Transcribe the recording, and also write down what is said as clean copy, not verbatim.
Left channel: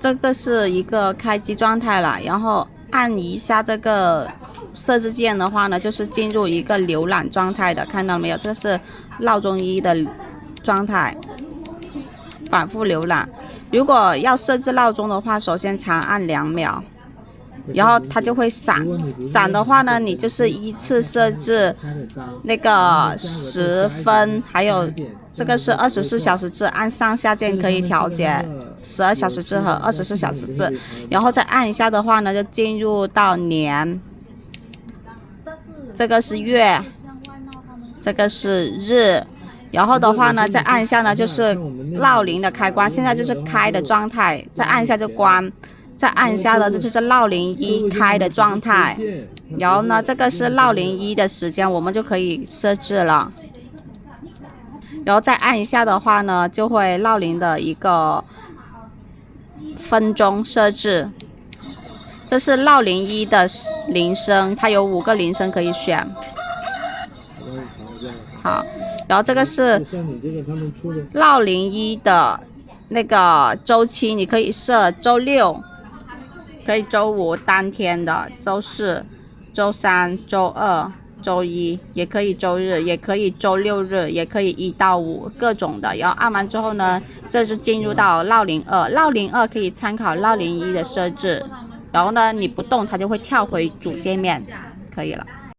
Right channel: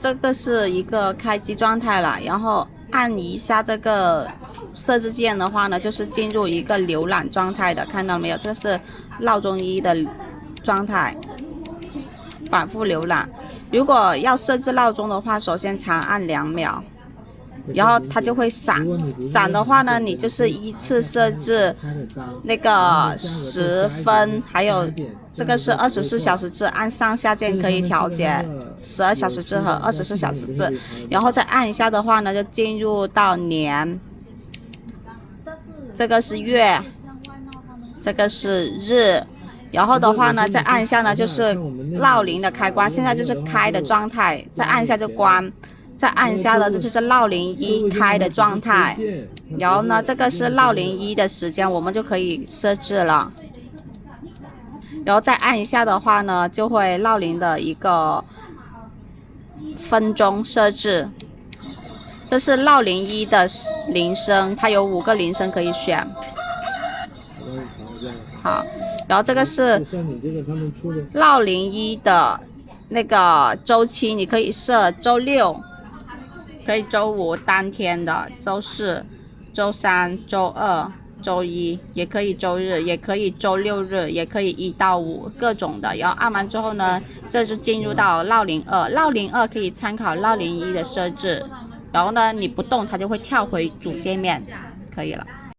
这个是一个开机状态了，然后按一下这个设置键的话呢，就是进入一个浏览状态的，看到没有？这是闹钟一的状态，反复浏览。如果要设置闹钟的话，首先长按2秒。然后它就会闪，闪的话呢，你就是依次设置那个10分，还有这个是24小时制，按上下键可以调节12小时制和24小时制，然后再按一下的话呢，就进入到年，这个是月，这个是日。然后的话呢，再按一下呢，就是闹铃的开关，现在就是开的状态，再按一下就关。再按一下呢，这就是闹铃一开的状态。然后呢，这个是闹铃一的时间，我们就可以设置了。然后再按一下的话呢，就会闹铃的一个分钟设置。这是闹铃一的铃声，它有5个铃声可以选。好，然后这个是闹铃一的那个周期，你可以设周6。可以周5当天的，周4、周3、周2、周1，也可以周日，也可以周6日，也可以1到5各种的。然后按完之后呢，这就进入到闹铃2，闹铃2可以参考闹铃1的设置。然后呢，你不动它就会跳回主界面，可以了。